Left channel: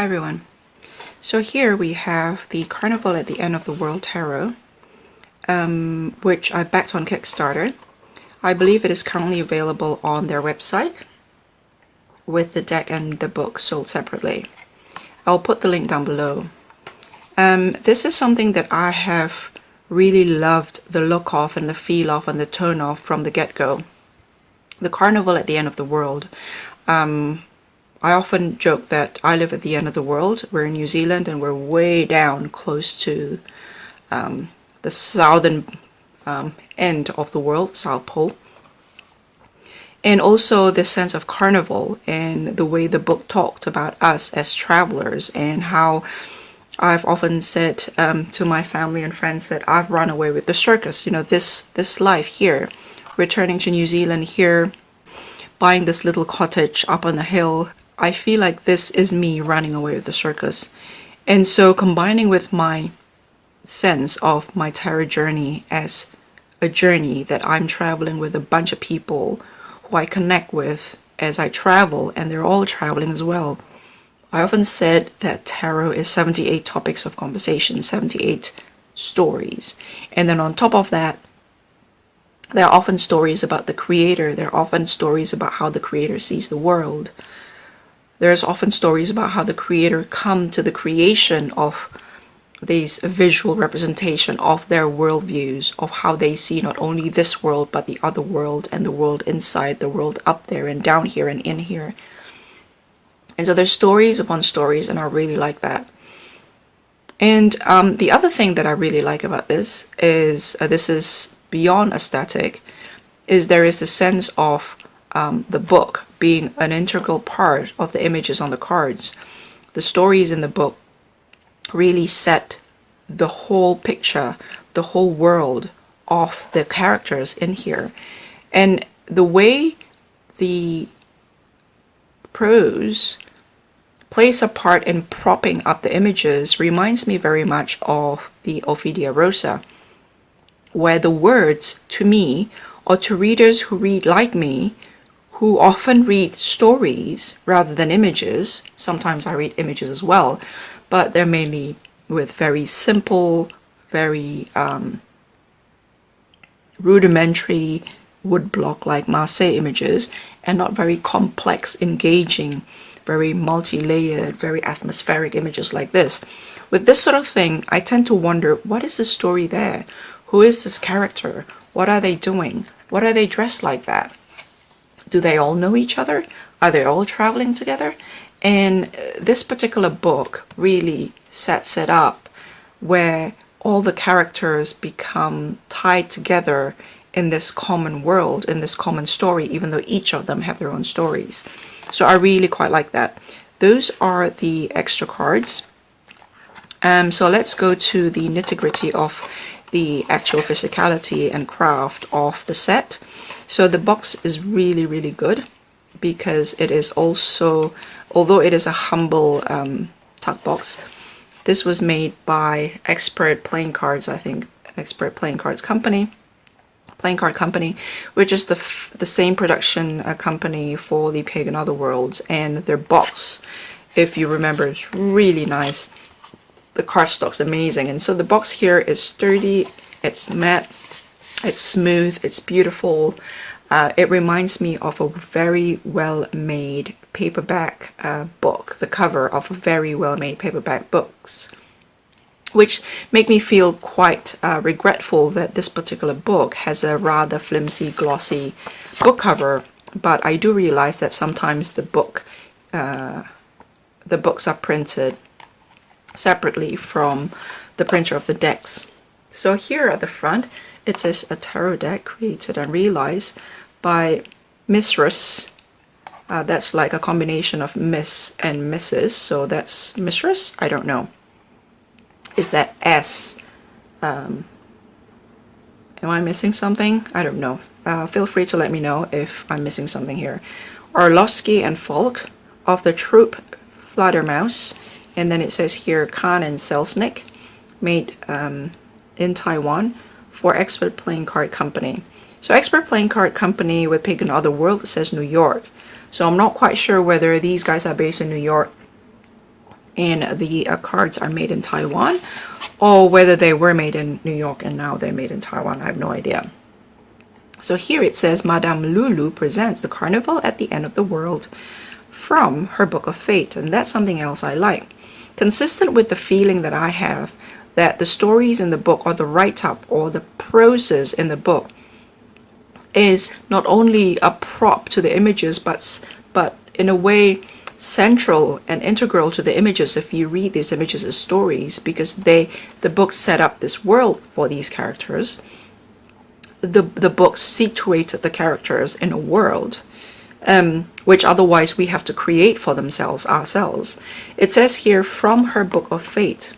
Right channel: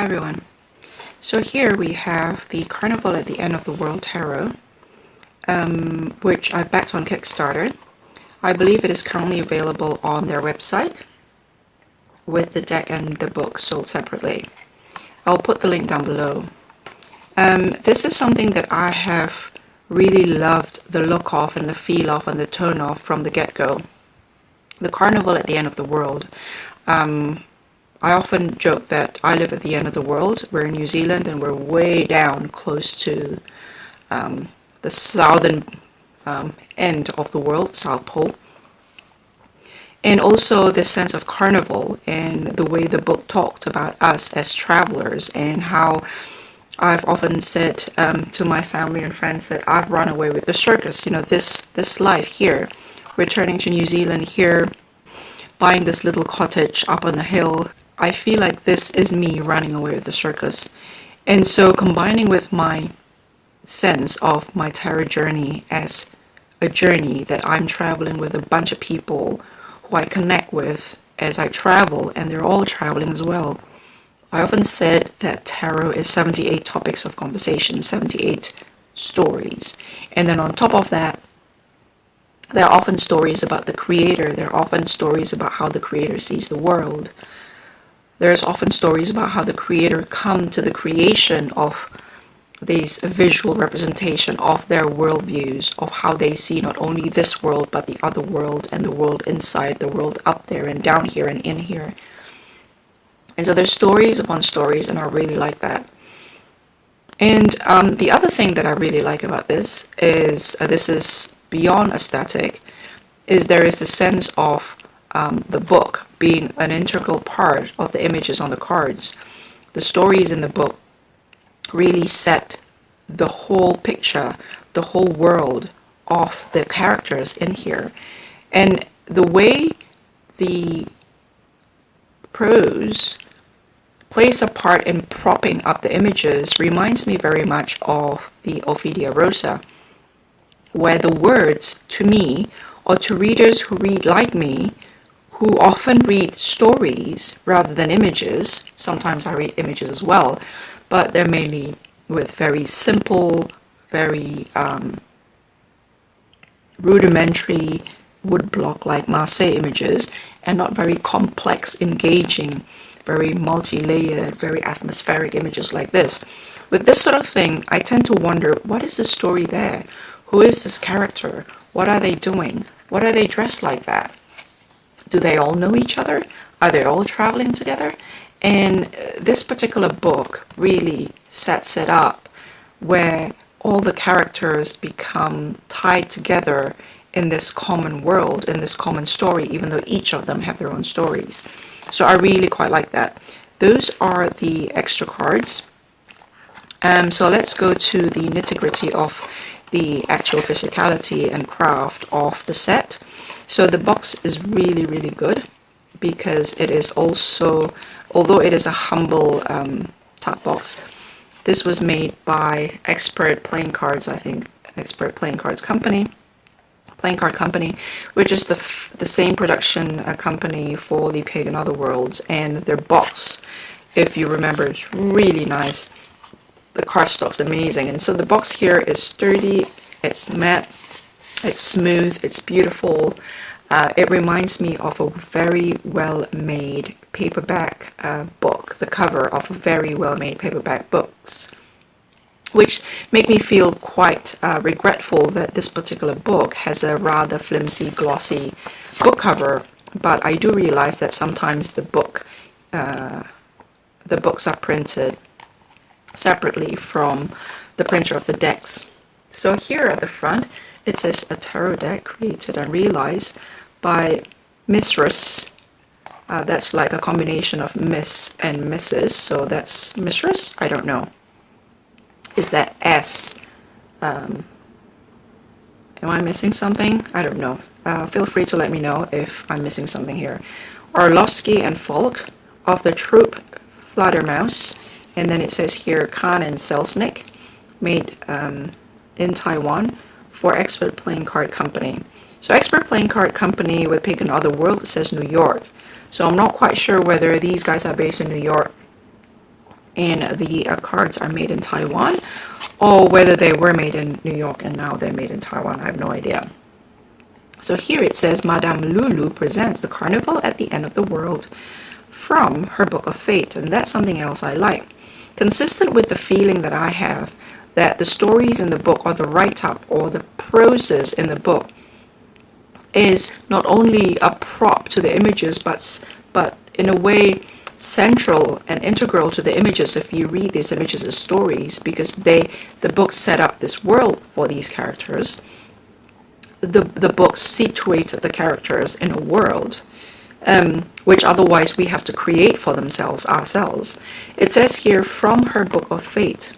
Hi everyone. So here we have the Carnival at the End of the World Tarot, which I backed on Kickstarter. I believe it is currently available on their website with the deck and the book sold separately. I'll put the link down below. This is something that I have really loved the look of and the feel of and the tone of from the get-go. The Carnival at the End of the World. I often joke that I live at the end of the world. We're in New Zealand and we're way down close to the southern end of the world, South Pole. And also the sense of carnival and the way the book talked about us as travelers, and how I've often said to my family and friends that I've run away with the circus. You know, this life here, returning to New Zealand here, buying this little cottage up on the hill. I feel like this is me running away with the circus. And so combining with my sense of my tarot journey as a journey that I'm traveling with a bunch of people who I connect with as I travel, and they're all traveling as well. I often said that tarot is 78 topics of conversation, 78 stories. And then on top of that, there are often stories about the creator. There are often stories about how the creator sees the world. There's often stories about how the creator come to the creation of this visual representation of their worldviews, of how they see not only this world, but the other world, and the world inside, the world up there and down here and in here. And so there's stories upon stories, and I really like that. And the other thing that I really like about this is beyond aesthetic, is there is the sense of the book being an integral part of the images on the cards. The stories in the book really set the whole picture, the whole world of the characters in here. And the way the prose plays a part in propping up the images reminds me very much of the Ophidia Rosa, where the words, to me, or to readers who read like me, who often read stories rather than images. Sometimes I read images as well, but they're mainly with very simple, very rudimentary woodblock-like Marseille images, and not very complex, engaging, very multi-layered, very atmospheric images like this. With this sort of thing, I tend to wonder, what is the story there? Who is this character? What are they doing? What are they dressed like that? Do they all know each other? Are they all traveling together? And this particular book really sets it up where all the characters become tied together in this common world, in this common story, even though each of them have their own stories. So I really quite like that. Those are the extra cards. So let's go to the nitty-gritty of the actual physicality and craft of the set. So the box is really, really good, because it is also, although it is a humble top box, this was made by Expert Playing Cards, I think, Expert Playing Cards Company, Playing Card Company, which is the same production company for The Pig and Other Worlds, and their box, if you remember, it's really nice. The cardstock's amazing, and so the box here is sturdy, it's matte, it's smooth, it's beautiful. It reminds me of a very well-made paperback book, the cover of very well-made paperback books, which make me feel quite regretful that this particular book has a rather flimsy, glossy book cover. But I do realize that sometimes the books are printed separately from the printer of the decks. So here at the front, it says a tarot deck created and realized by Mistress. That's like a combination of Miss and Mrs. So that's Mistress? I don't know. Is that S? Am I missing something? I don't know. Feel free to let me know if I'm missing something here. Orlovsky and Falk of the troupe Fledermaus. And then it says here Khan and Selznick, made in Taiwan for Expert Playing Card Company. So Expert Playing Card Company with Pig and Other World, it says New York. So I'm not quite sure whether these guys are based in New York and the cards are made in Taiwan, or whether they were made in New York and now they're made in Taiwan. I have no idea. So here it says, Madame Lulu presents the carnival at the end of the world from her Book of Fate, and that's something else I like. Consistent with the feeling that I have that the stories in the book, or the write-up, or the proses in the book, is not only a prop to the images, but in a way central and integral to the images if you read these images as stories, because the book set up this world for these characters. The book situated the characters in a world which otherwise we have to create for ourselves. It says here, from her Book of Fate.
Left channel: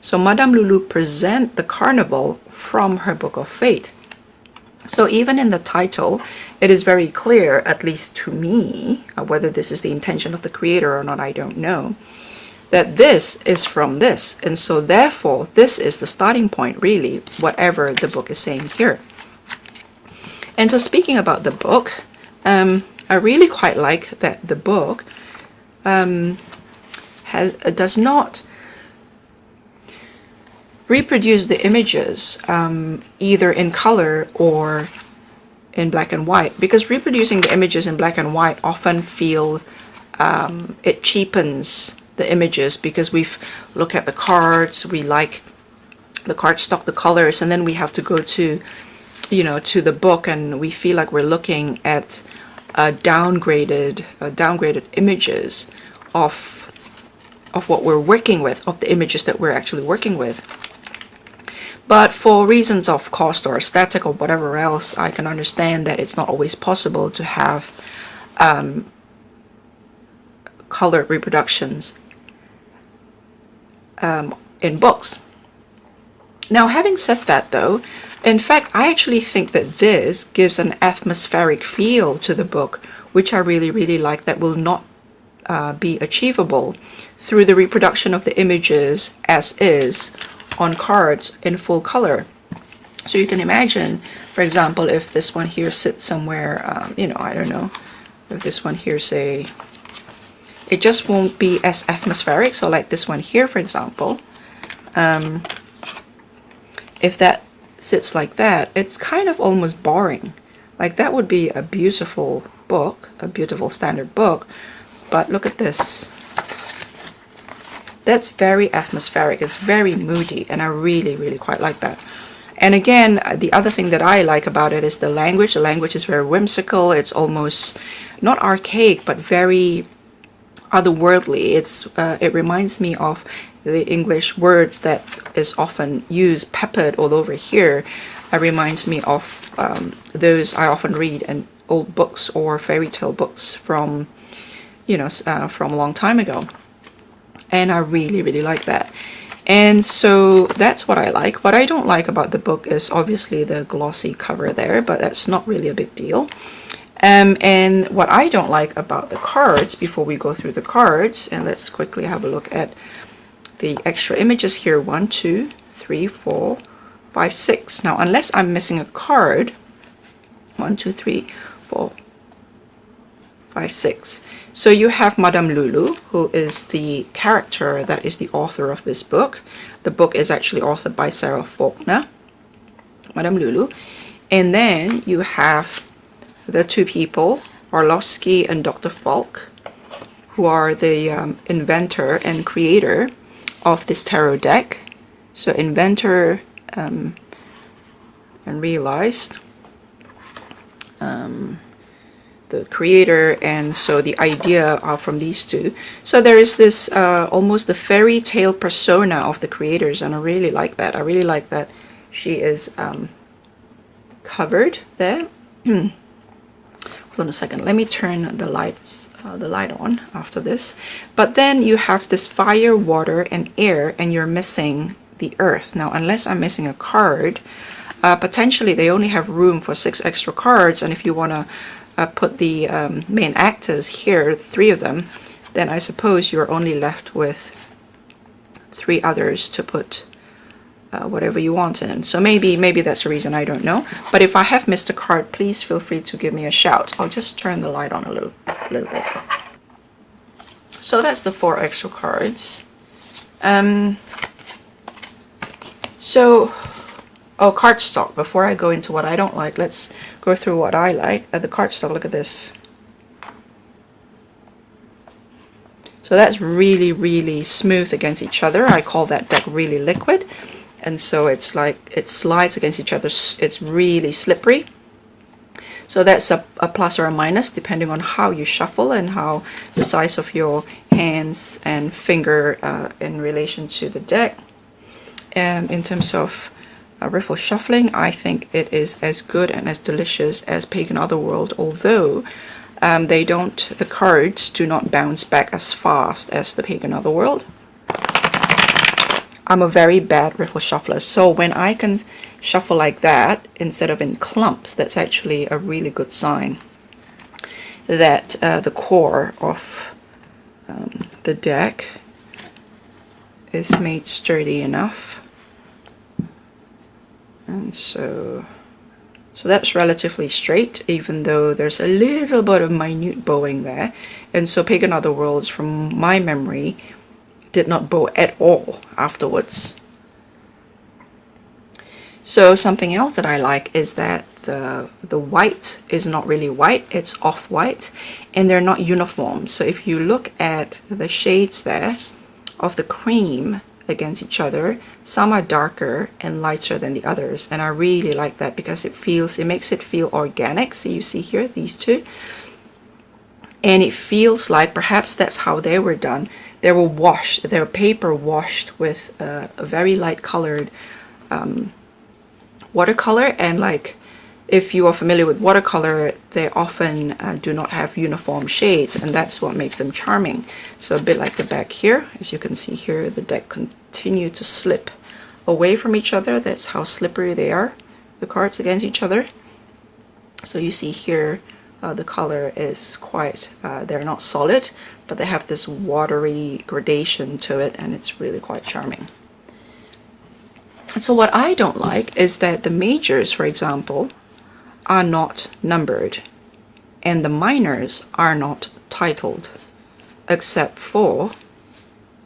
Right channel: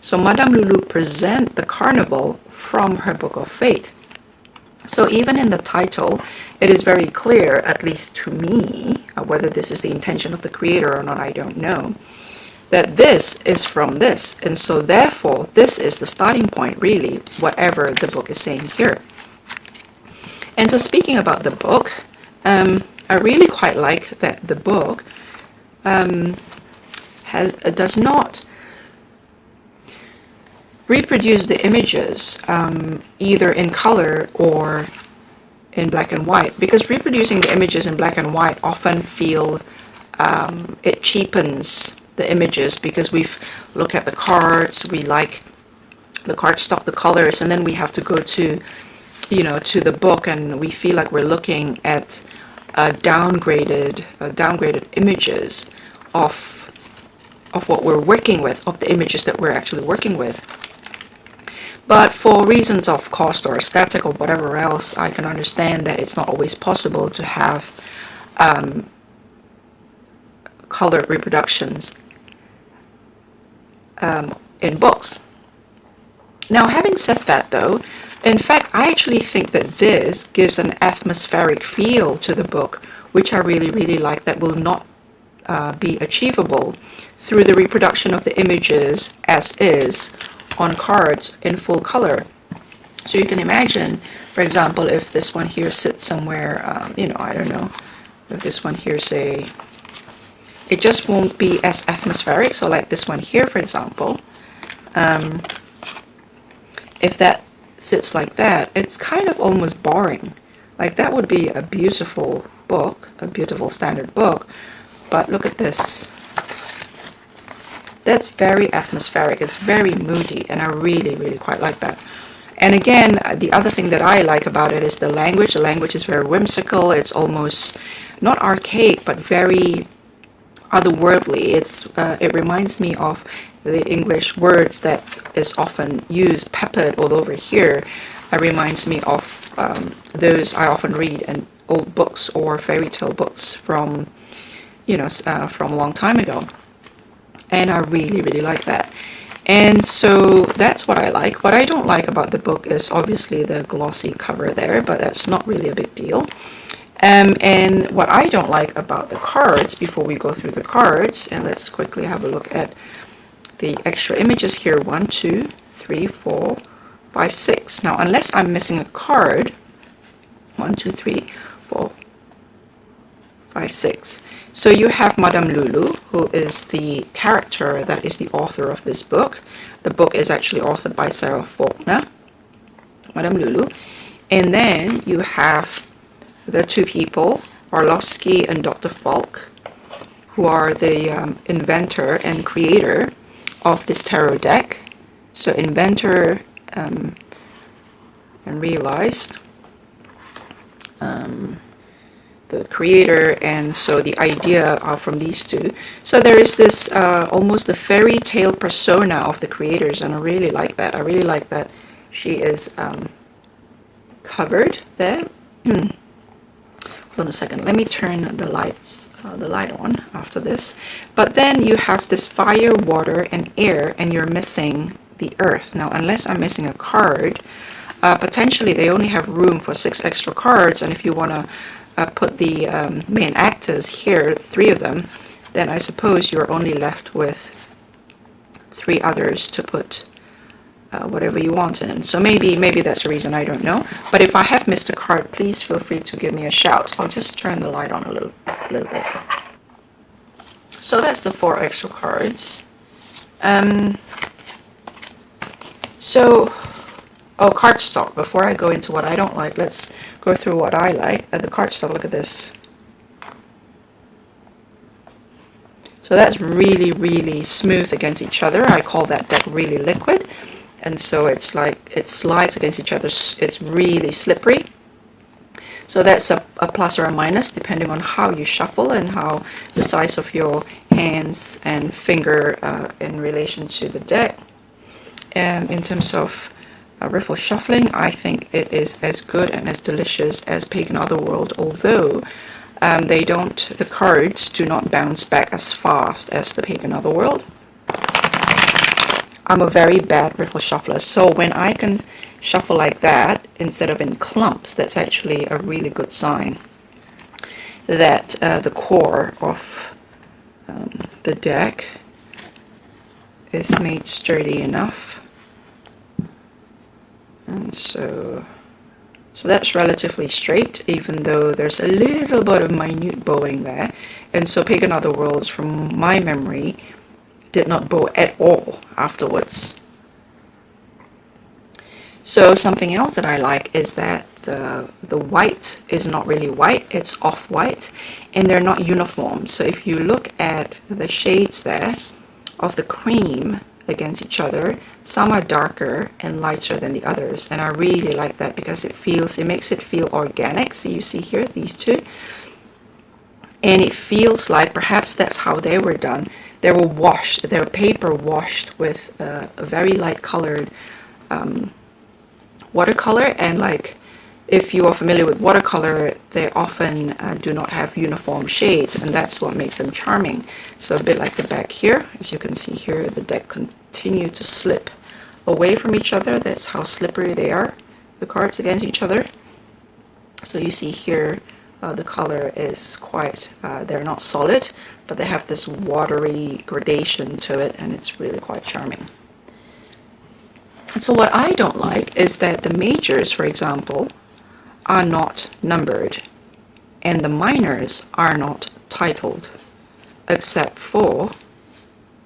So Madame Lulu present the carnival from her Book of Fate. So even in the title, it is very clear, at least to me, whether this is the intention of the creator or not, I don't know, that this is from this. And so therefore, this is the starting point, really, whatever the book is saying here. And so speaking about the book, I really quite like that the book does not reproduce the images either in color or in black and white, because reproducing the images in black and white often feel it cheapens the images, because we look at the cards, we like the cardstock, the colors, and then we have to go to to the book, and we feel like we're looking at downgraded images of what we're working with, of the images that we're actually working with. But for reasons of cost or aesthetic or whatever else, I can understand that it's not always possible to have colored reproductions in books. Now, having said that though, in fact, I actually think that this gives an atmospheric feel to the book, which I really, really like, that will not be achievable through the reproduction of the images as is on cards in full color. So you can imagine, for example, if this one here sits somewhere, I don't know, if this one here, say, it just won't be as atmospheric. So like this one here, for example, if that sits like that, it's kind of almost boring. Like that would be a beautiful book, a beautiful standard book, but look at this. That's very atmospheric, it's very moody, and I really, really quite like that. And again, the other thing that I like about it is the language. The language is very whimsical. It's almost not archaic, but very otherworldly. It reminds me of the English words that is often used, peppered all over here. It reminds me of those I often read in old books or fairy tale books from from a long time ago. And I really, really like that. And so that's what I like. What I don't like about the book is obviously the glossy cover there, but that's not really a big deal. And what I don't like about the cards, before we go through the cards, and let's quickly have a look at the extra images here. 1, 2, 3, 4, 5, 6. Now, unless I'm missing a card, 1, 2, 3, 4, 5, 6. So you have Madame Lulu, who is the character that is the author of this book. The book is actually authored by Sarah Faulkner, Madame Lulu. And then you have the two people, Orlovsky and Dr. Falk, who are the inventor and creator of this tarot deck. So inventor and realized, the creator, and so the idea from these two. So there is this almost the fairy tale persona of the creators, and I really like that. I really like that she is covered there. Hold on a second, let me turn the light on after this. But then you have this fire, water, and air, and you're missing the earth. Now, unless I'm missing a card, potentially they only have room for 6 extra cards, and if you want to put the main actors here, 3 of them, then I suppose you're only left with 3 others to put whatever you want in. So maybe that's the reason, I don't know. But if I have missed a card, please feel free to give me a shout. I'll just turn the light on a little bit. So that's the 4 extra cards. So, oh, cardstock. Before I go into what I don't like, let's go through what I like. The cardstock, look at this. So that's really, really smooth against each other. I call that deck really liquid. And so it's like, it slides against each other. It's really slippery. So that's a plus or a minus depending on how you shuffle and how the size of your hands and finger in relation to the deck. And in terms of riffle shuffling, I think it is as good and as delicious as Pagan Otherworld, although the cards do not bounce back as fast as the Pagan Otherworld. I'm a very bad riffle shuffler, so when I can shuffle like that instead of in clumps, that's actually a really good sign that the core of the deck is made sturdy enough. And so that's relatively straight, even though there's a little bit of minute bowing there. And so Pagan Otherworlds, from my memory, did not bow at all afterwards. So something else that I like is that the white is not really white, it's off-white, and they're not uniform. So if you look at the shades there of the cream against each other, some are darker and lighter than the others, and I really like that because it makes it feel organic. So you see here these two, and it feels like perhaps that's how they were done. They were washed, they were paper washed with a very light colored watercolor. And like, if you are familiar with watercolor, they often do not have uniform shades, and that's what makes them charming. So a bit like the back here, as you can see here, the deck continue to slip away from each other. That's how slippery they are, the cards against each other. So you see here, the color is quite, they're not solid, but they have this watery gradation to it, and it's really quite charming. And so what I don't like is that the majors, for example, are not numbered, and the minors are not titled, except for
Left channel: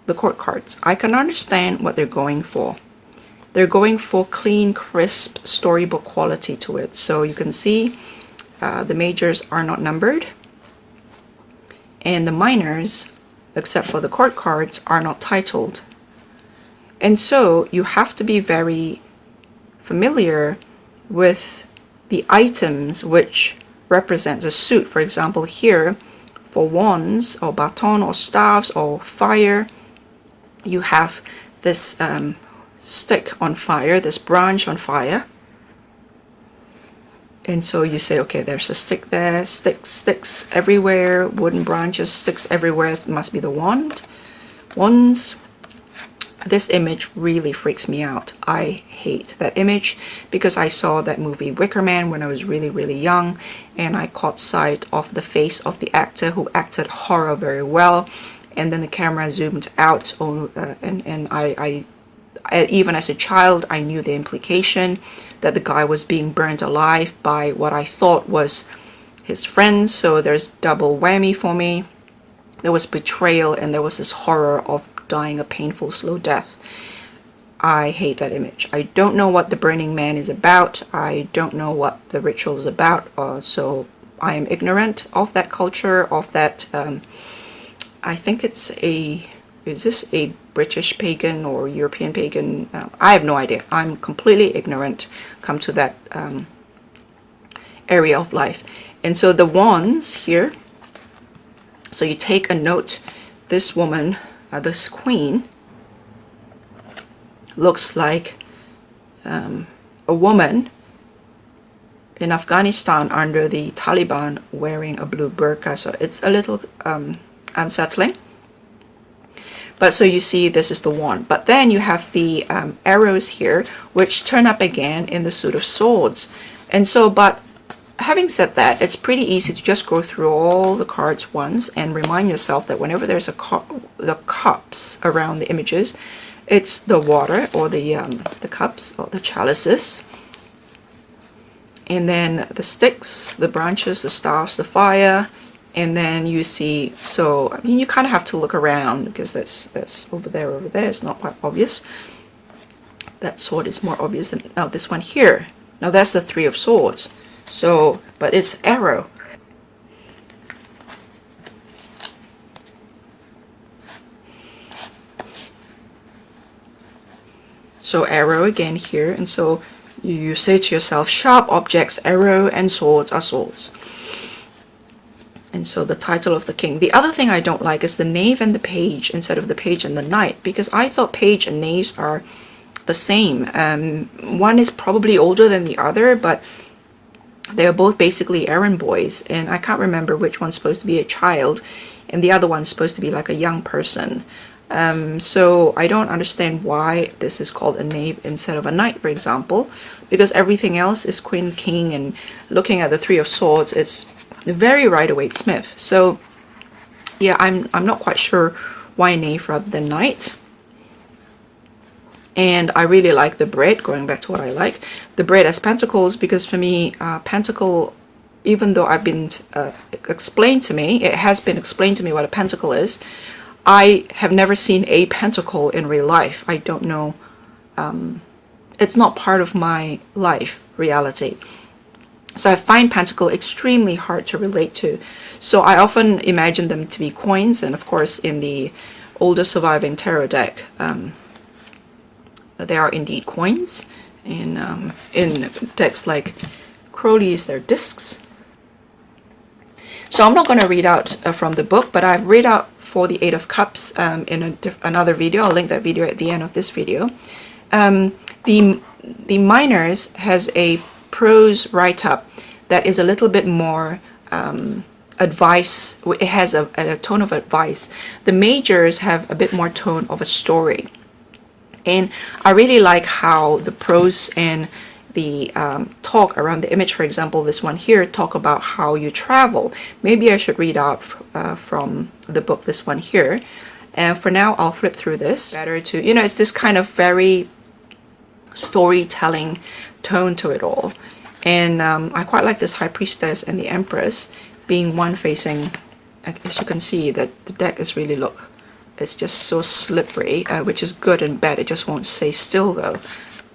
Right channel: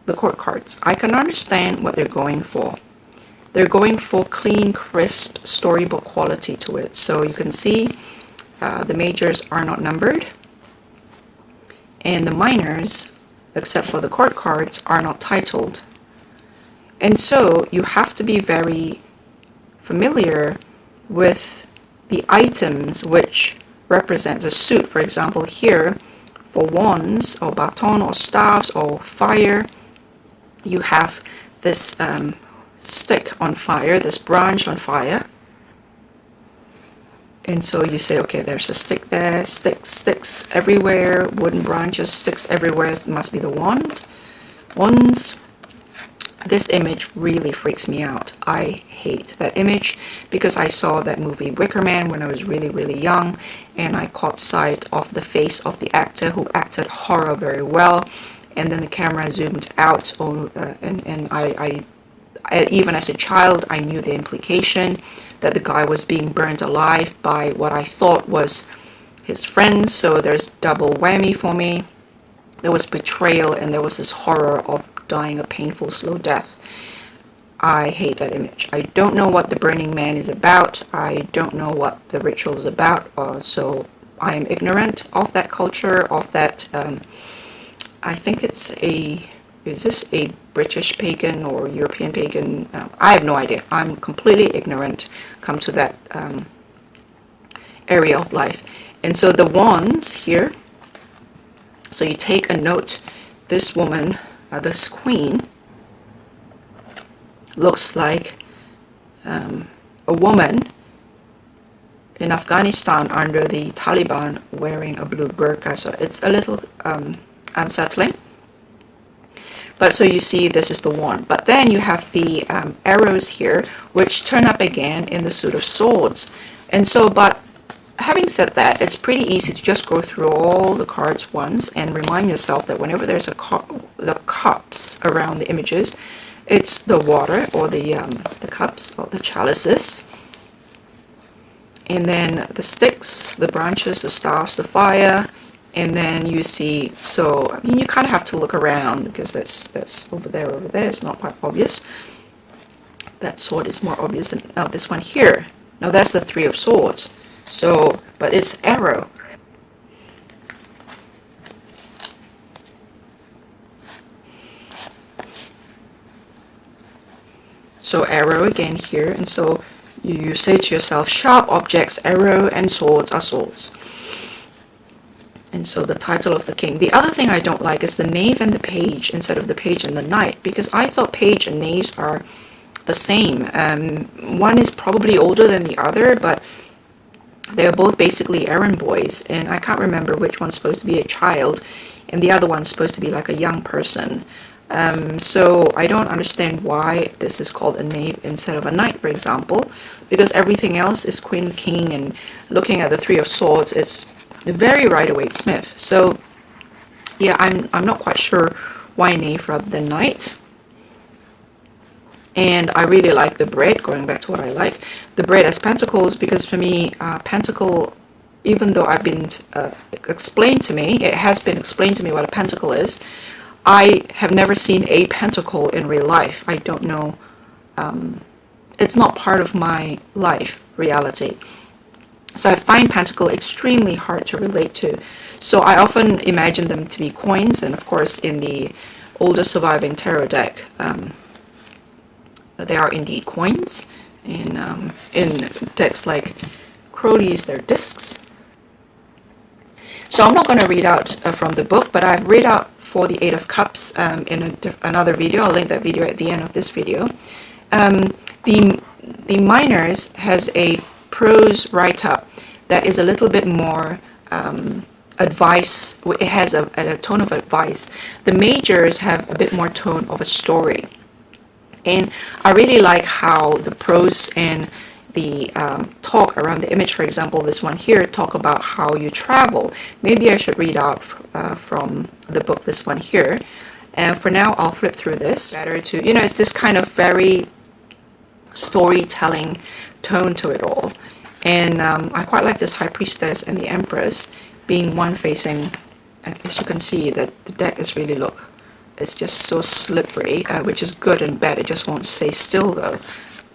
the court cards. I can understand what they're going for. They're going for clean, crisp, storybook quality to it. So you can see the majors are not numbered, and the minors, except for the court cards, are not titled. And so you have to be very familiar with the items which represents a suit. For example, here for wands or baton or staves or fire, you have this stick on fire, this branch on fire. And so you say, okay, there's a stick there, sticks everywhere, wooden branches, sticks everywhere, it must be the wands. This image really freaks me out. I hate that image because I saw that movie Wicker Man when I was really, really young, and I caught sight of the face of the actor who acted horror very well, and then the camera zoomed out, and I even as a child, I knew the implication that the guy was being burned alive by what I thought was his friends. So there's double whammy for me. There was betrayal, and there was this horror of dying a painful, slow death. I hate that image. I don't know what the Burning Man is about. I don't know what the ritual is about. So I am ignorant of that culture, of that. I think it's is this a British pagan or European pagan? I have no idea. I'm completely ignorant come to that area of life. And so the wands here, so you take a note, this woman, this queen, looks like a woman in Afghanistan under the Taliban wearing a blue burqa. So it's a little unsettling. But so you see, this is the wand. But then you have the arrows here, which turn up again in the suit of swords. And so, but having said that, it's pretty easy to just go through all the cards once and remind yourself that whenever there's the cups around the images, it's the water or the cups or the chalices. And then the sticks, the branches, the staffs, the fire, And then you see, so I mean, you kind of have to look around because that's over there, it's not quite obvious. That sword is more obvious than this one here. Now that's the Three of Swords. So, but it's arrow. So arrow again here, and so you say to yourself, sharp objects, arrow and swords are swords. And so the title of the king. The other thing I don't like is the knave and the page instead of the page and the knight, because I thought page and knaves are the same. One is probably older than the other, but they're both basically errand boys, and I can't remember which one's supposed to be a child and the other one's supposed to be like a young person. So I don't understand why this is called a knave instead of a knight, for example, because everything else is queen, king, and looking at the Three of Swords, it's very Rider-Waite-Smith. So yeah, I'm not quite sure why knave rather than knight. And I really like the bread, going back to what I like, the bread as pentacles, because for me, pentacle, even though I've been explained to me, it has been explained to me what a pentacle is, I have never seen a pentacle in real life. I don't know, it's not part of my life reality. So I find pentacle extremely hard to relate to. So I often imagine them to be coins, and of course in the older surviving tarot deck, they are indeed coins. And in decks like Crowley's, they're discs. So I'm not going to read out from the book, but I've read out for the Eight of Cups in another video. I'll link that video at the end of this video. The Minors has a prose write-up that is a little bit more advice. It has a tone of advice. The Majors have a bit more tone of a story. And I really like how the prose and the talk around the image, for example, this one here, talk about how you travel. Maybe I should read out from the book, this one here. And for now, I'll flip through this. Better to, you know, it's this kind of very storytelling tone to it all. And I quite like this High Priestess and the Empress being one facing. As you can see, that the deck is really, look, it's just so slippery, which is good and bad. It just won't stay still though.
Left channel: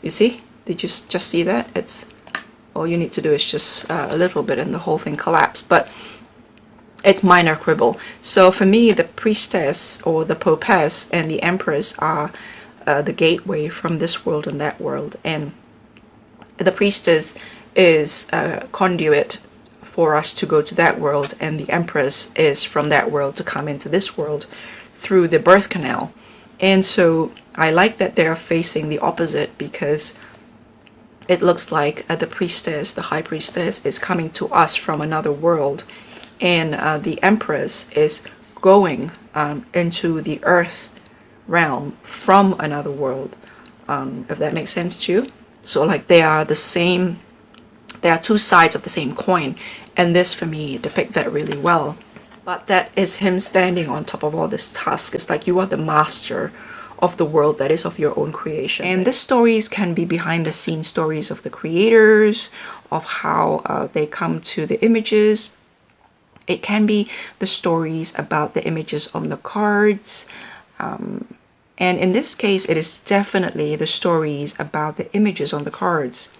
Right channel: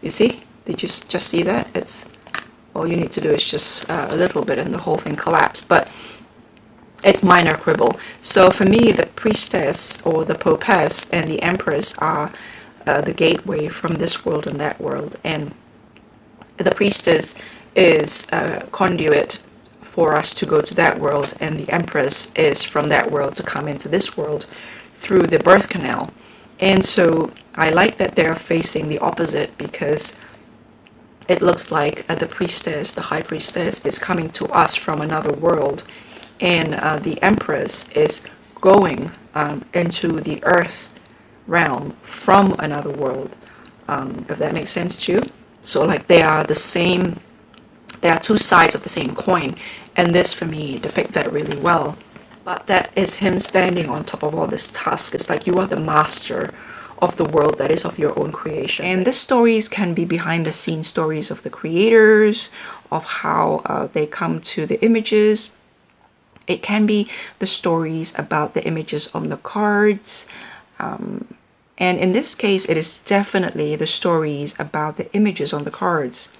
You see? Did you just see that? It's all you need to do is just a little bit and the whole thing collapsed. But it's minor quibble. So for me, the Priestess or the Popess and the Empress are the gateway from this world and that world. And the Priestess is a conduit for us to go to that world, and the Empress is from that world to come into this world through the birth canal. And so I like that they're facing the opposite, because it looks like the Priestess, the High Priestess, is coming to us from another world, and the Empress is going into the earth realm from another world, if that makes sense to you. So like they are the same, they are two sides of the same coin, and this for me depicts that really well. But that is him standing on top of all this task. It's like you are the master of the world that is of your own creation. And these stories can be behind the scenes stories of the creators, of how they come to the images. It can be the stories about the images on the cards. And in this case, it is definitely the stories about the images on the cards.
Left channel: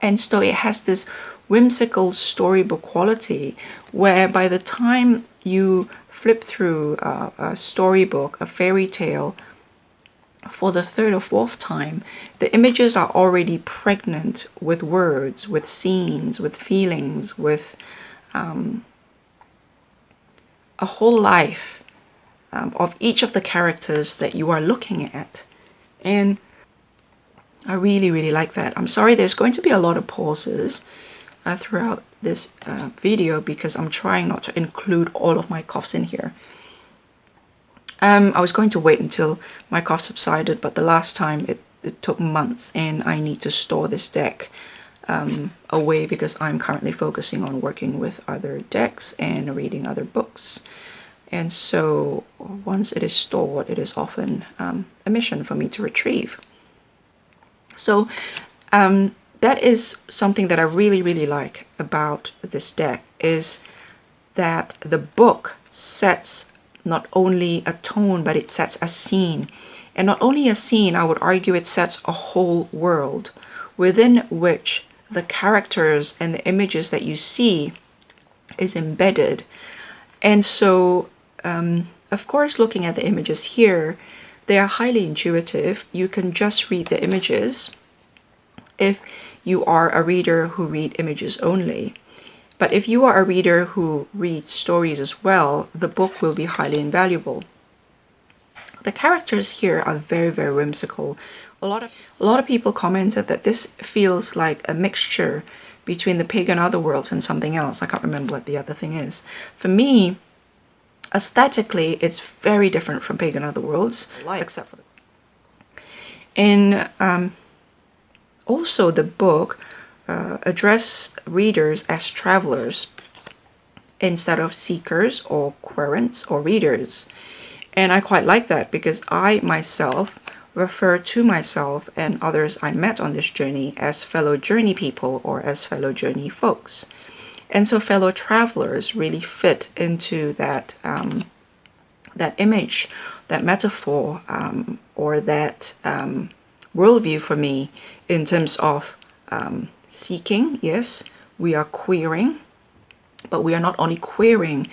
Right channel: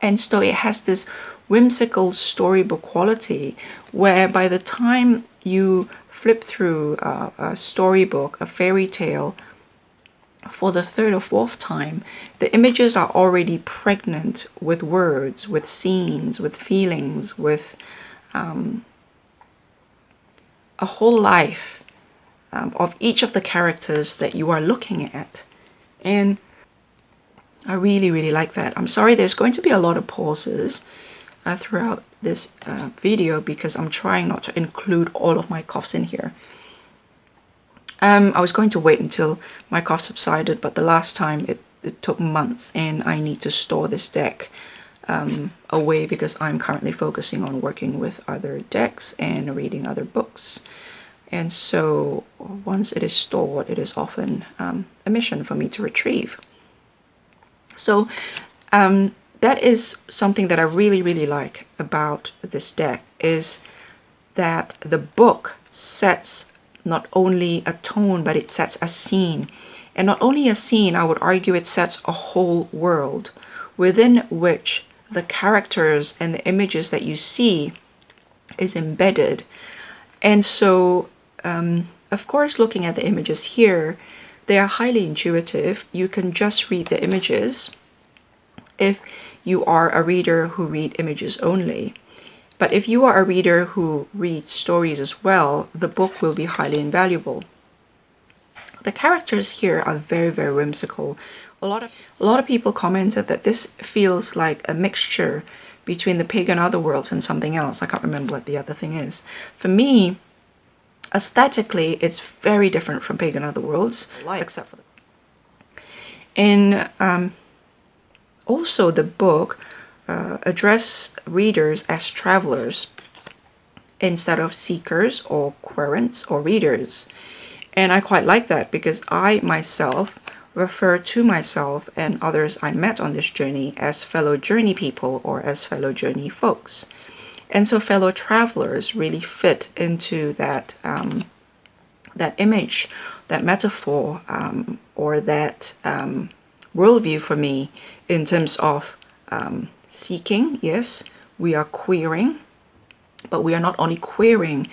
And so it has this whimsical storybook quality, where by the time you flip through a storybook, a fairy tale, for the third or fourth time, the images are already pregnant with words, with scenes, with feelings, with a whole life of each of the characters that you are looking at. And I really, really like that. I'm sorry, there's going to be a lot of pauses throughout this video, because I'm trying not to include all of my coughs in here. I was going to wait until my cough subsided, but the last time it took months, and I need to store this deck away, because I'm currently focusing on working with other decks and reading other books. And so once it is stored, it is often a mission for me to retrieve. So that is something that I really, really like about this deck, is that the book sets not only a tone, but it sets a scene. And not only a scene, I would argue it sets a whole world within which the characters and the images that you see is embedded. And so, of course, looking at the images here, they are highly intuitive. You can just read the images if you are a reader who read images only. But if you are a reader who reads stories as well, the book will be highly invaluable. The characters here are very, very whimsical. A lot of people commented that this feels like a mixture between the pagan otherworlds and something else. I can't remember what the other thing is. For me, aesthetically, it's very different from pagan otherworlds, except for the... And also the book address readers as travelers instead of seekers or querents or readers. And I quite like that, because I myself refer to myself and others I met on this journey as fellow journey people or as fellow journey folks. And so fellow travelers really fit into that that image, that metaphor, or that worldview for me, in terms of seeking. Yes, we are querying, but we are not only querying,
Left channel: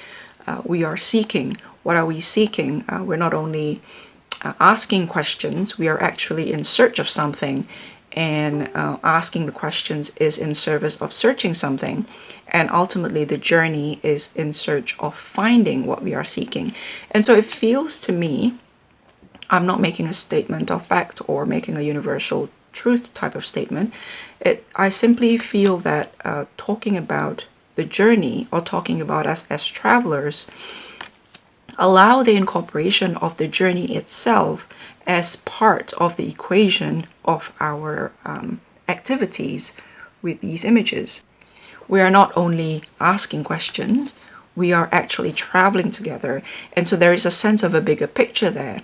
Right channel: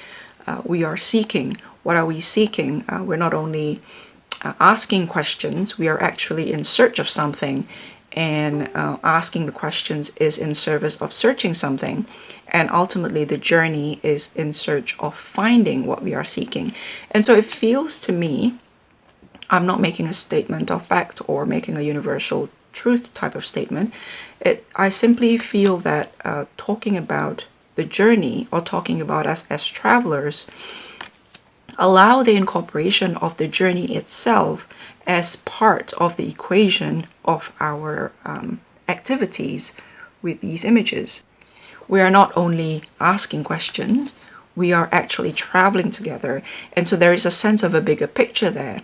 we are seeking. What are we seeking? We're not only asking questions, we are actually in search of something, and asking the questions is in service of searching something, and ultimately the journey is in search of finding what we are seeking. And so it feels to me, I'm not making a statement of fact or making a universal truth type of statement. I simply feel that talking about the journey, or talking about us as travelers, allow the incorporation of the journey itself as part of the equation of our activities with these images. We are not only asking questions, we are actually traveling together. And so there is a sense of a bigger picture there.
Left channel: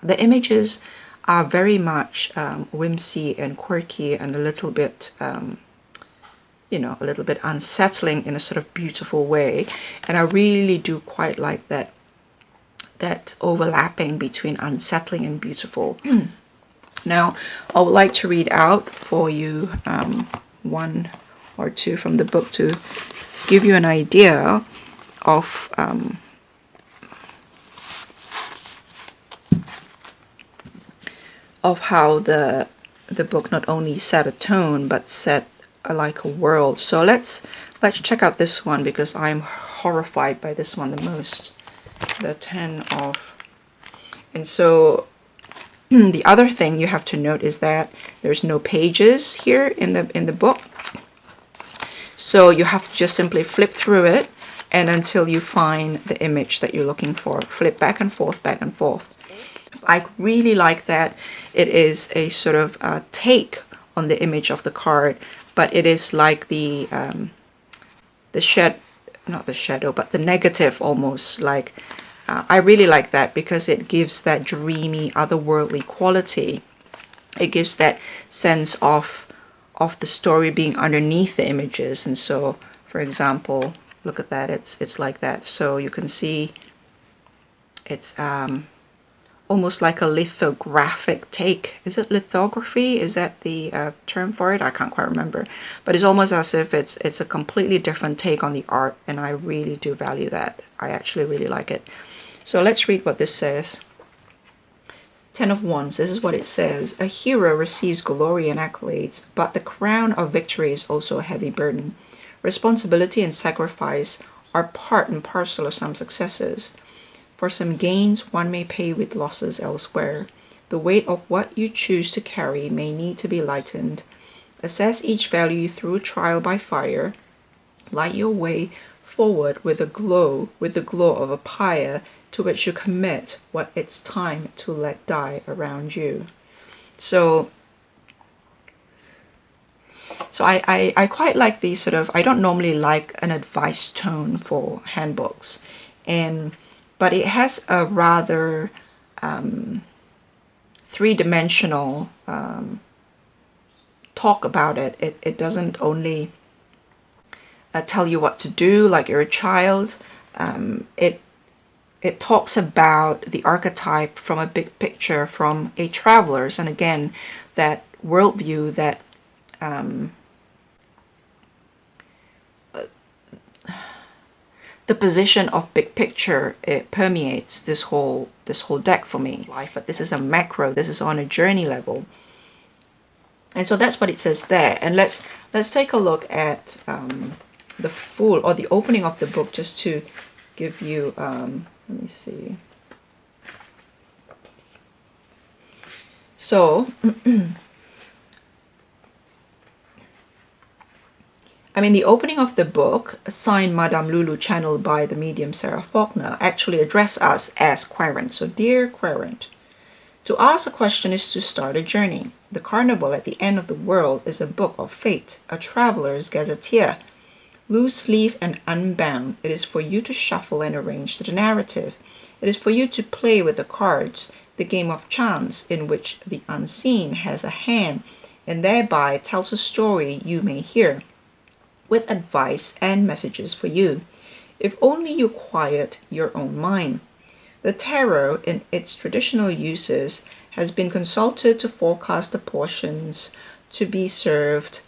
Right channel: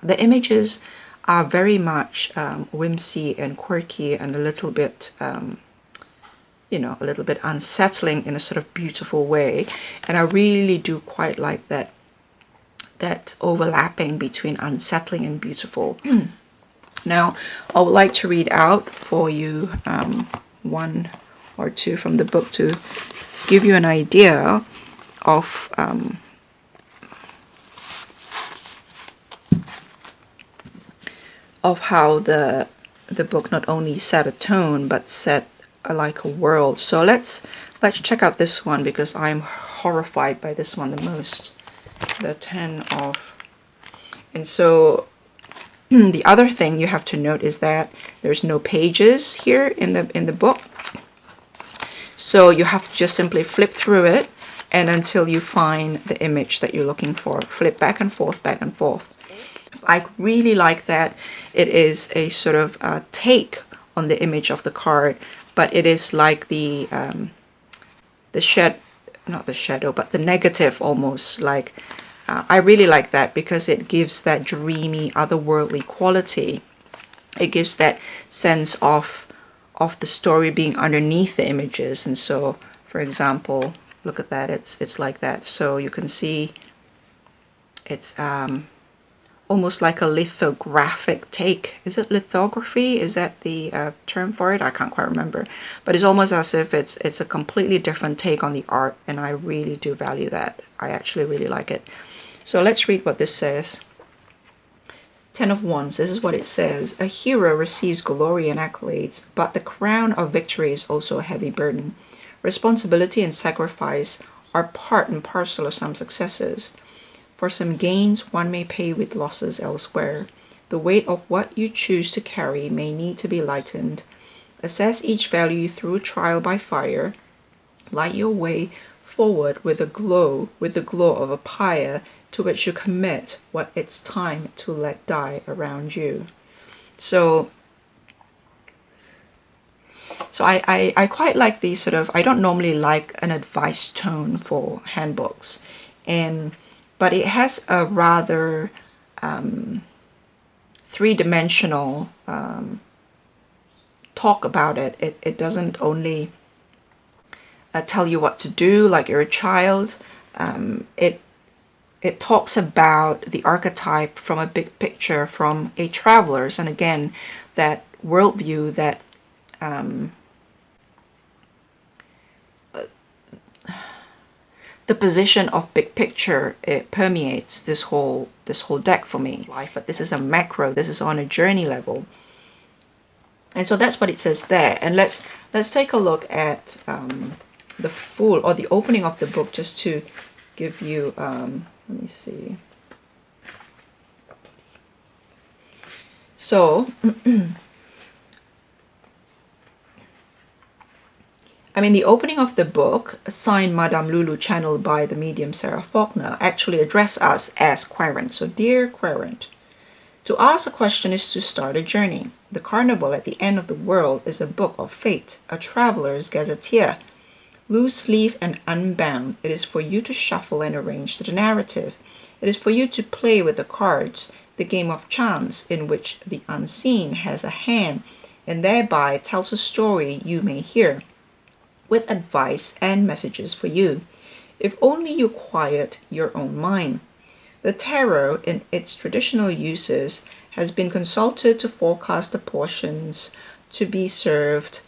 The images are very much whimsy and quirky and a little bit a little bit unsettling in a sort of beautiful way. And I really do quite like that overlapping between unsettling and beautiful. Now, I would like to read out for you one or two from the book to give you an idea of how the book not only set a tone but set like a world. So let's check out this one, because I'm horrified by this one the most. The 10 of... And so the other thing you have to note is that there's no pages here in the book. So you have to just simply flip through it, and until you find the image that you're looking for, flip back and forth, back and forth. I really like that it is a sort of take on the image of the card, but it is like the not the shadow, but the negative almost. Like I really like that, because it gives that dreamy, otherworldly quality. It gives that sense of the story being underneath the images. And so, for example, look at that. It's like that. So you can see it's almost like a lithographic take. Is it lithography? Is that the term for it? I can't quite remember. But it's almost as if it's a completely different take on the art, and I really do value that. I actually really like it. So let's read what this says. 10 of Wands. This is what it says. A hero receives glory and accolades, but the crown of victory is also a heavy burden. Responsibility and sacrifice are part and parcel of some successes. For some gains, one may pay with losses elsewhere. The weight of what you choose to carry may need to be lightened. Assess each value through trial by fire. Light your way forward with the glow of a pyre to which you commit what it's time to let die around you. So I quite like these sort of... I don't normally like an advice tone for handbooks, but it has a rather three-dimensional talk about it. It doesn't only tell you what to do like you're a child. It talks about the archetype from a big picture, from a traveler's, and again, that worldview, that the position of big picture, it permeates this whole deck for me. But this is a macro. This is on a journey level, and so that's what it says there. And let's take a look at the full, or the opening of the book, just to give you. Let me see. So. I mean, the opening of the book, signed Madame Lulu, channeled by the medium Sarah Faulkner, actually address us as querent. So, dear querent, to ask a question is to start a journey. The Carnival at the End of the World is a book of fate, a traveler's gazetteer. Loose leaf and unbound, it is for you to shuffle and arrange the narrative. It is for you to play with the cards, the game of chance in which the unseen has a hand and thereby tells a story you may hear, with advice and messages for you, if only you quiet your own mind. The tarot, in its traditional uses, has been consulted to forecast the portions to be served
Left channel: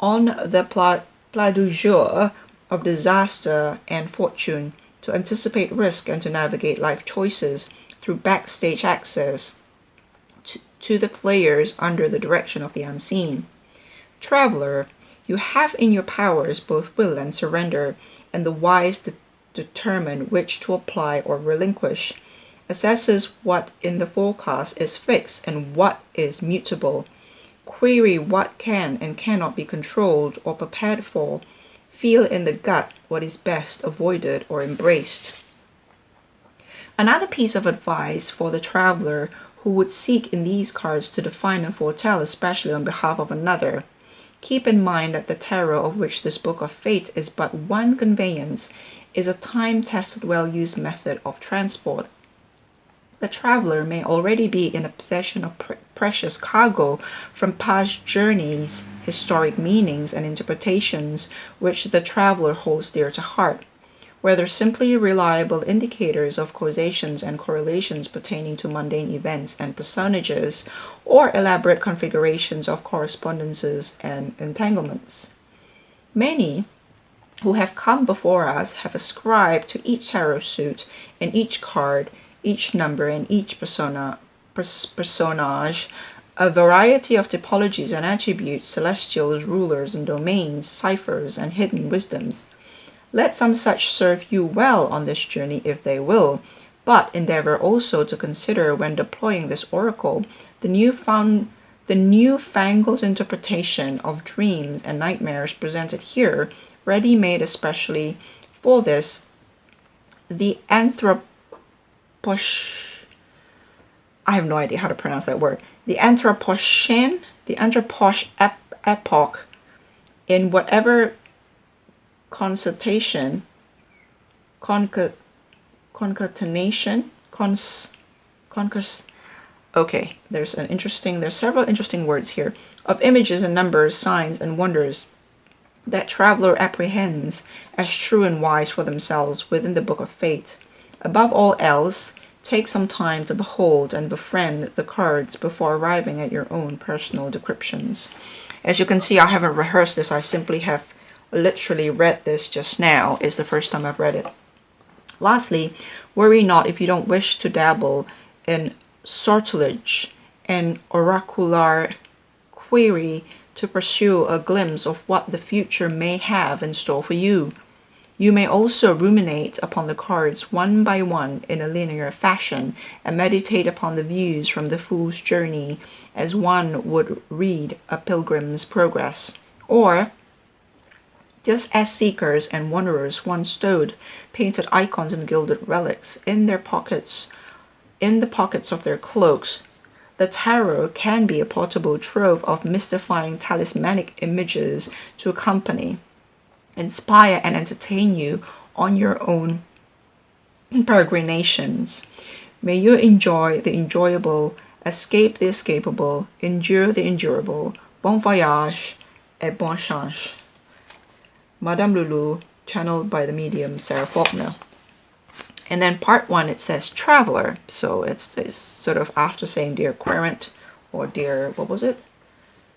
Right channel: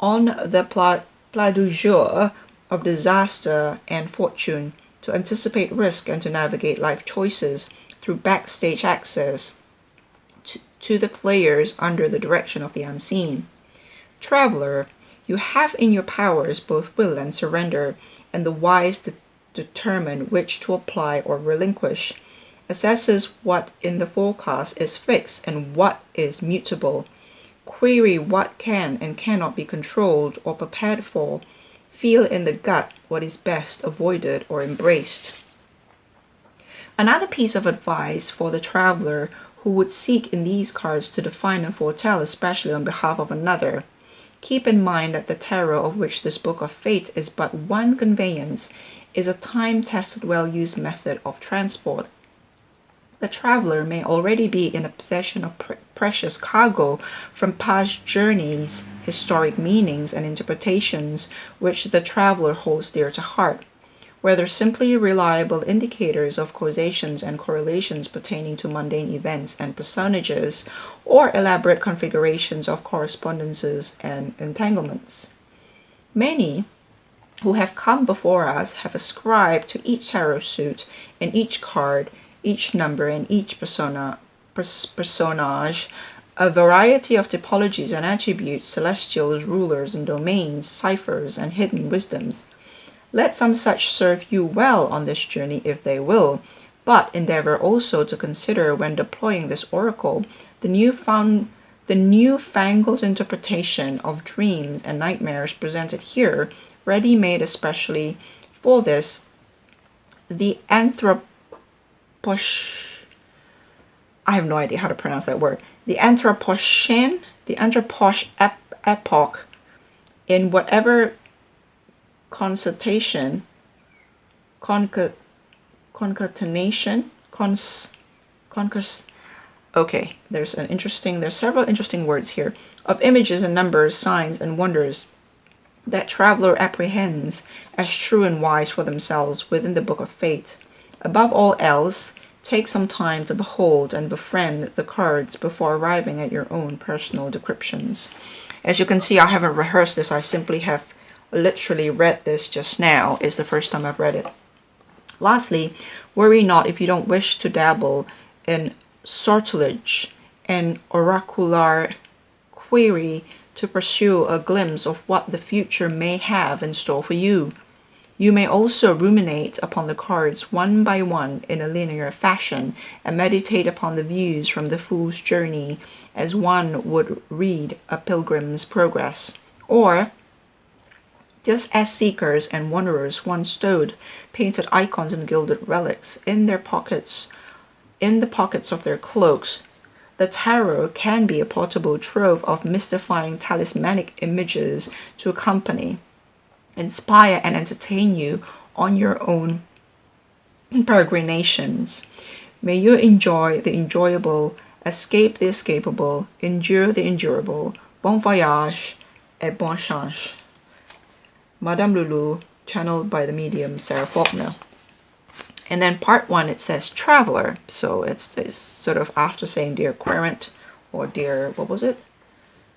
on the plat du jour of disaster and fortune, to anticipate risk and to navigate life choices through backstage access to the players under the direction of the unseen. Traveler, you have in your powers both will and surrender, and the wise determine which to apply or relinquish, assesses what in the forecast is fixed and what is mutable, query what can and cannot be controlled or prepared for, feel in the gut what is best avoided or embraced. Another piece of advice for the traveler who would seek in these cards to define and foretell, especially on behalf of another. Keep in mind that the tarot, of which this book of fate is but one conveyance, is a time-tested, well-used method of transport. The traveler may already be in a possession of precious cargo from past journeys, historic meanings and interpretations which the traveler holds dear to heart, whether simply reliable indicators of causations and correlations pertaining to mundane events and personages, or elaborate configurations of correspondences and entanglements. Many who have come before us have ascribed to each tarot suit and each card, each number and each personage, a variety of typologies and attributes, celestials, rulers and domains, ciphers and hidden wisdoms. Let some such serve you well on this journey if they will, but endeavor also to consider, when deploying this oracle, the newfangled interpretation of dreams and nightmares presented here, ready-made especially for this, the I have no idea how to pronounce that word. The Anthropocene epoch, in whatever concatenation, okay, there's several interesting words here, of images and numbers, signs and wonders that traveler apprehends as true and wise for themselves within the book of fate. Above all else, take some time to behold and befriend the cards before arriving at your own personal decryptions. As you can see, I haven't rehearsed this. I simply have literally read this just now. It's the first time I've read it. Lastly, worry not if you don't wish to dabble in sortilege and oracular query to pursue a glimpse of what the future may have in store for you. You may also ruminate upon the cards one by one in a linear fashion and meditate upon the views from the Fool's Journey as one would read a Pilgrim's Progress. Or, just as seekers and wanderers once stowed painted icons and gilded relics in the pockets of their cloaks, the tarot can be a portable trove of mystifying talismanic images to accompany, inspire, and entertain you on your own peregrinations. May you enjoy the enjoyable, escape the escapable, endure the endurable. Bon voyage et bonne chance. Madame Lulu, channeled by the medium Sarah Faulkner. And then part 1, it says traveler. So it's sort of after saying dear querent or dear, what was it?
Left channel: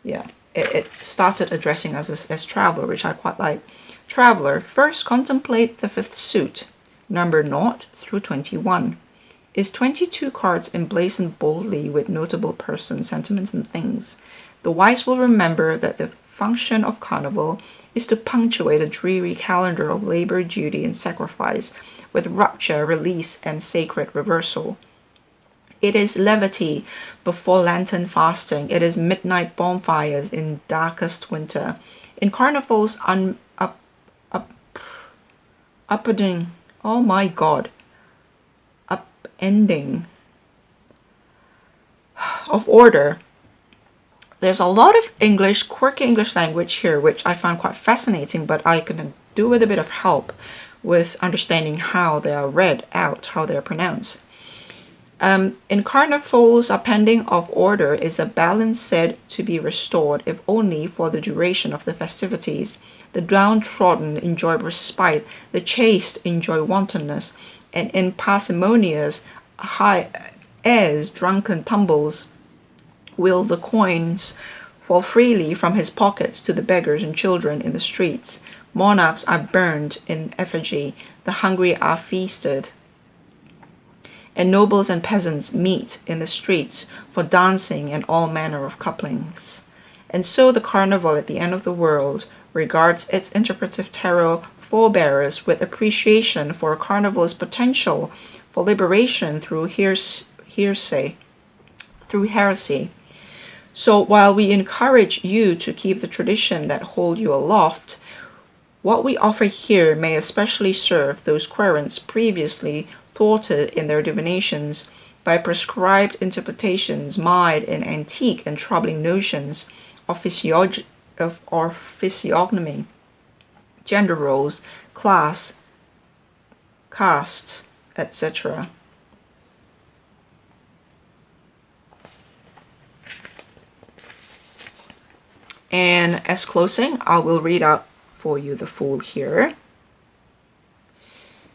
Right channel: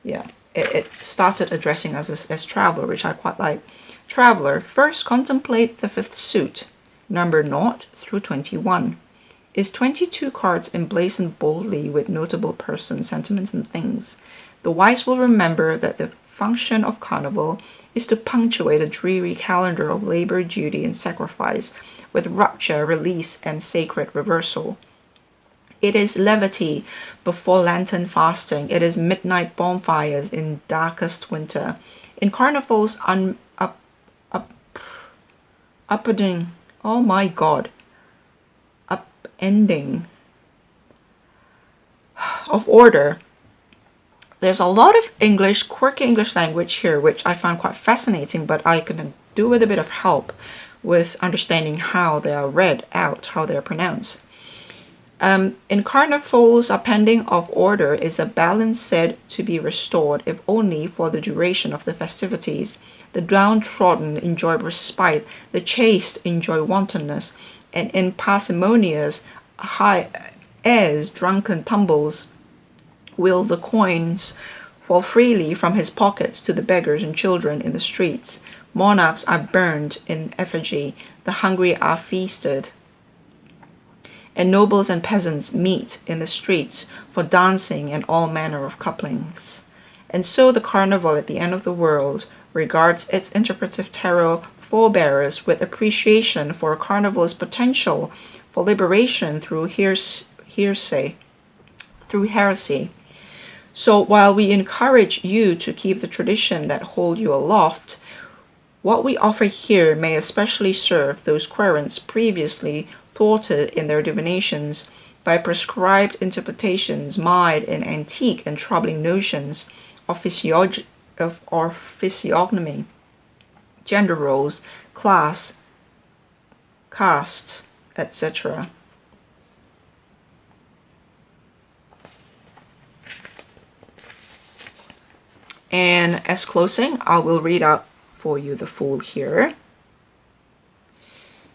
Yeah, it started addressing us as traveler, which I quite like. Traveler, first contemplate the 5th suit, number 0 through 21. Is 22 cards emblazoned boldly with notable persons, sentiments, and things. The wise will remember that the function of Carnival is to punctuate a dreary calendar of labor, duty, and sacrifice with rupture, release, and sacred reversal. It is levity before lantern fasting. It is midnight bonfires in darkest winter. In Carnival's upending, oh my god, upending of order. There's a lot of English, quirky English language here, which I found quite fascinating, but I can do with a bit of help with understanding how they are read out, how they are pronounced. In Carnival's upending of order is a balance said to be restored, if only for the duration of the festivities. The downtrodden enjoy respite, the chaste enjoy wantonness, and in parsimonious high airs, drunken tumbles, will the coins fall freely from his pockets to the beggars and children in the streets. Monarchs are burned in effigy, the hungry are feasted, and nobles and peasants meet in the streets for dancing and all manner of couplings. And so the Carnival at the end of the world regards its interpretive tarot forebearers with appreciation for a carnival's potential for liberation through heresy. So while we encourage you to keep the tradition that hold you aloft, what we offer here may especially serve those querents previously thwarted in their divinations by prescribed interpretations mired in antique and troubling notions of physiognomy, gender roles, class, caste, etc. And as closing, I will read out for you the Fool here.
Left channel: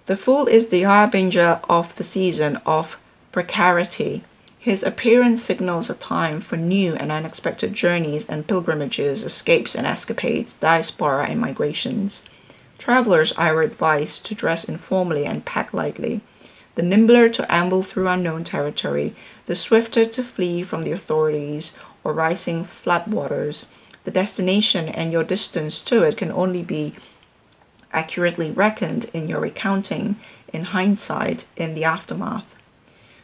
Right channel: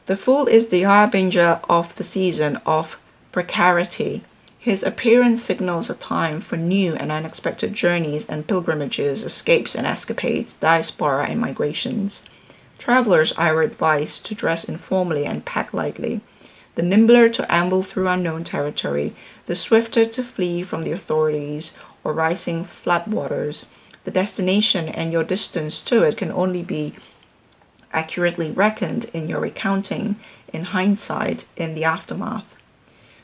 The Fool is the harbinger of the season of precarity. His appearance signals a time for new and unexpected journeys and pilgrimages, escapes and escapades, diaspora and migrations. Travelers are advised to dress informally and pack lightly, the nimbler to amble through unknown territory, the swifter to flee from the authorities or rising floodwaters. The destination and your distance to it can only be accurately reckoned in your recounting, in hindsight, in the aftermath.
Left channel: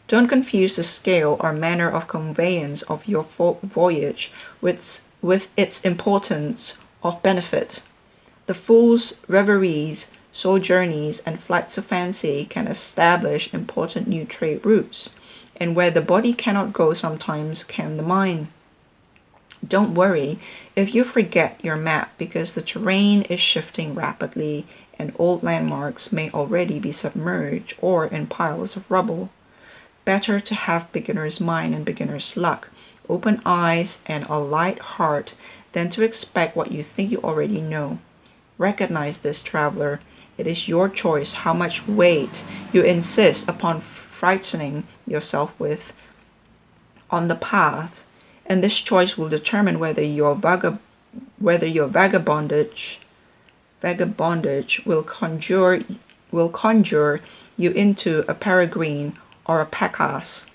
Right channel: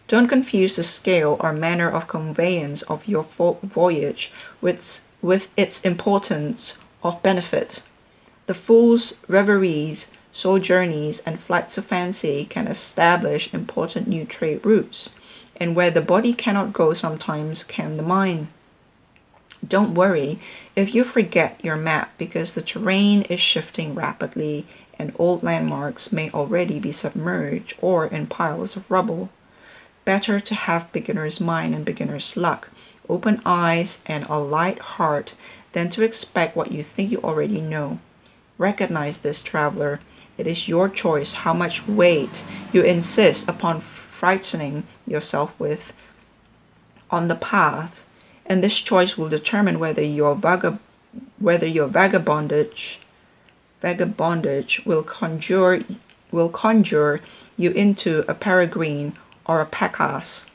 Don't confuse the scale or manner of conveyance of your voyage with its importance of benefit. The Fool's reveries, sojourneys, and flights of fancy can establish important new trade routes, and where the body cannot go, sometimes can the mind. Don't worry if you forget your map, because the terrain is shifting rapidly and old landmarks may already be submerged or in piles of rubble. Better to have beginner's mind and beginner's luck, open eyes and a light heart, than to expect what you think you already know. Recognize this, traveler. It is your choice how much weight you insist upon frightening yourself with on the path, and this choice will determine whether your vagabondage will conjure you into a peregrine or a packass.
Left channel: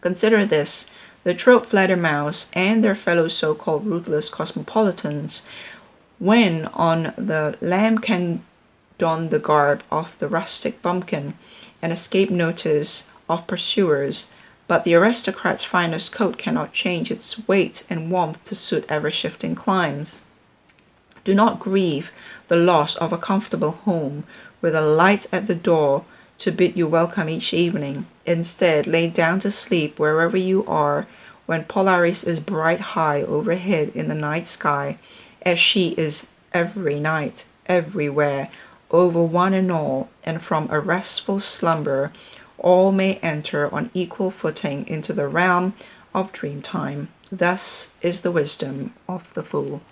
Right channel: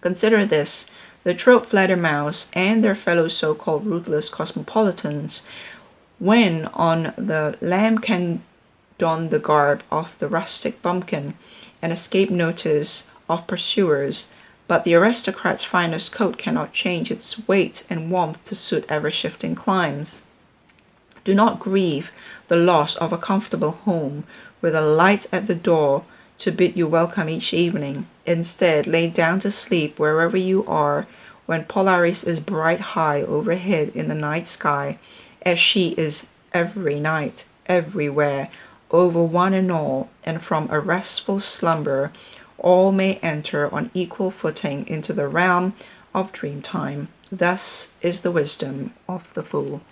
Consider this: the throat flattermouse and their fellow so-called ruthless cosmopolitans, when on the lamb, can don the garb of the rustic bumpkin and escape notice of pursuers, but the aristocrat's finest coat cannot change its weight and warmth to suit ever-shifting climes. Do not grieve the loss of a comfortable home, with a light at the door to bid you welcome each evening. Instead, lay down to sleep wherever you are, when Polaris is bright high overhead in the night sky, as she is every night, everywhere, over one and all, and from a restful slumber all may enter on equal footing into the realm of dream time. Thus is the wisdom of the Fool.